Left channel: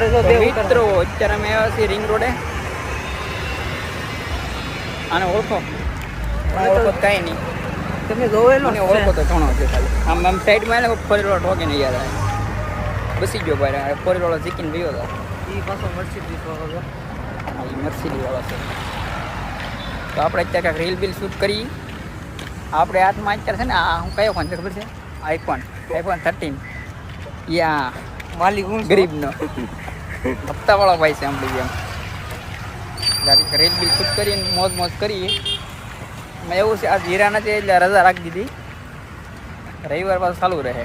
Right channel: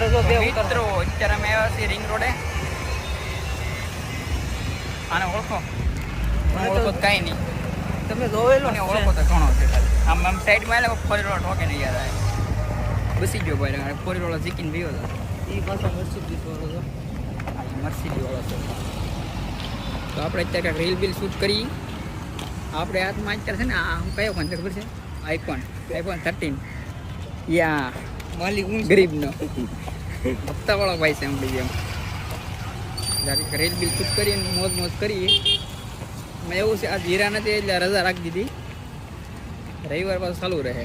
મિત્રો અત્યારે અમે આવ્યા છીએ રિંગ રોડે. આને ઓળખો? ઓળખો કઈ નહીં. તમે જોવેલો મને ઓળખો તો ઘણો છે ખાલી. આમ સાઈડમાં ફરી રોડ ઠોકે નહીં યાર. બસી ગયો ભાઈ. ફરી રોડ જીતીને ગયો હતો. એ પાછો મર્સિડીઝ વાળો છે. એ મર્સિડીઝ વાળો છે. તો આપણે અત્યારે કાંઈક રીલ બિલ શૂટ કરી. આપણે હાથમાં અત્યારે છે ને આ હું કયો ફોન છે ખબર છે? આઈફોન 13. યા માલિક હું ગરીબનો હપ્તાવાળો ભાઈ છે. આમ એમ રીલ બિલ શૂટ કરીને મોજ કરી. એવું છે આજ હીરા નથી એટલે રજા રાખી દીધી. રવિવાર પાછું ચાલુ રહે.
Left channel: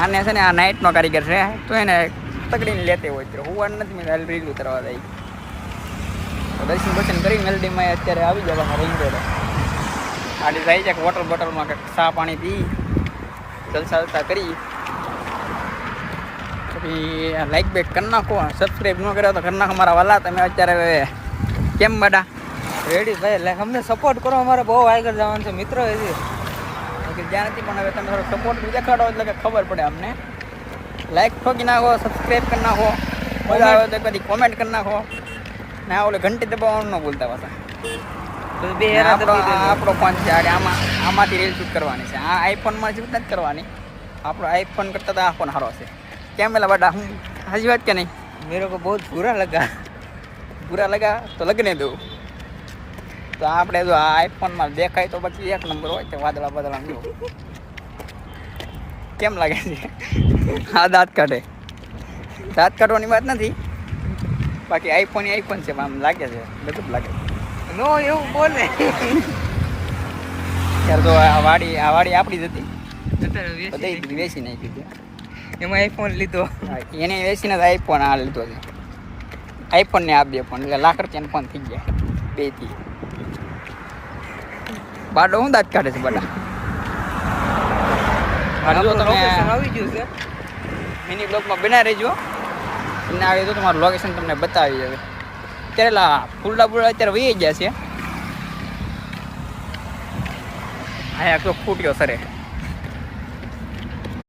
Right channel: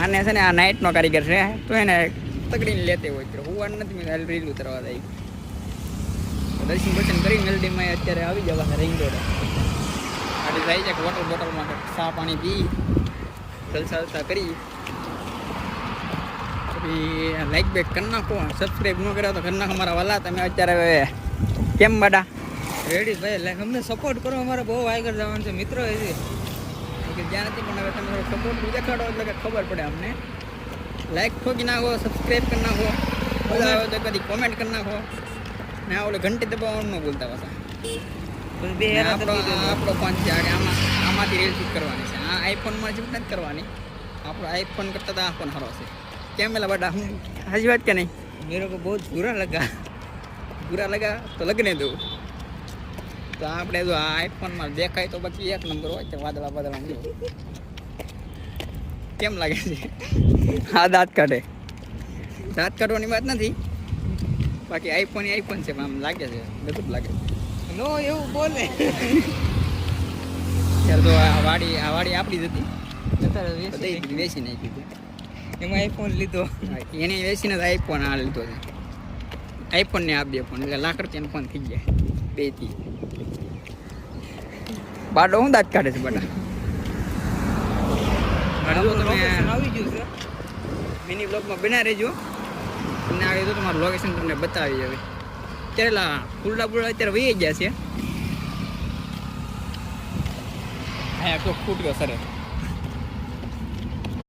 આને છે ને આ નાઇટનો કારીગર છે તો એને પકડીને લેતે હોય ત્યારે હું નથી મેં રીલ ઉતરવા દઈ. દર્શન કરી મેલડીમાં અત્યારે આવી જાય રિંગ રોડે. ગાડી જાય છે વોટર બોટલમાં કંઈક ચા પાણી પી જલસા કરી. પછી લાઈક બેક કરી નાખો. સબસ્ક્રાઈબ ન કર્યો તો કરી નાખો મારા વાલા. તમે અત્યારે હવે કેમ બડા રેડી ભાઈ એટલે અમને સપોર્ટ કરો. અમારે બહુ આગળ જવાનું છે મિત્રો. કે જ્યાંથી પણ હવે તમે થોડો સપોર્ટ દેખાડો એટલે કે ખબર પડે અમને. લાઈક ઠોકી નાખો, સબસ્ક્રાઈબ કરી નાખો. મજા આવે તો કદી કોમેન્ટ કરી નાખો. ને ઓલે ઘંટી દબાવવાનું ન ભૂલતા પાછા. આપણો ફોન છે આમાંથી રીલ શૂટ કરવાની છે. આ આઈફોનમાં શૂટ નથી કરવાની. આપણો આઈફોન કરતાં તો આ ફોન સારો છે. કેમ પેલા બટા હું સાચી વાત કે નહીં? મેરે કો બહુ બુરા લગા તો લગ્ને દઉં. તો આપણે જો આ આઈફોનમાં દેખાય તો પછી એક નંબર હોય છે. વાદળા જો કેમ લાગે છે? હા દાંત કાઢવાની વાત નથી. બાકી આઈફોન છે. આમ લાગે છે ગજબ લાગે. નો એવું બોલે ત્યારે તો આ વાડી આપણી જ હતી. વેચી નાખી છે. એમાં આઈફોન લીધો. એને વેચીને આઈફોન આ લીધો છે. આઈફોન ને આ 2 ફોન એટલે લાખ રૂપિયાનો ફોન થઈ ગયા 2 થી. બાડો હું દાંત કાઢે છે બધા. જો તમે આવી ગયું છે. મિની બ્લોગમાં બના રહેજો. એને આવે તો તમારું લોકેશન તમને બતાવી દેજો. અત્યારે ફૂલડા અત્યારે વહી ગયા છે. અહીંયા તો ફૂટ્યો સરે.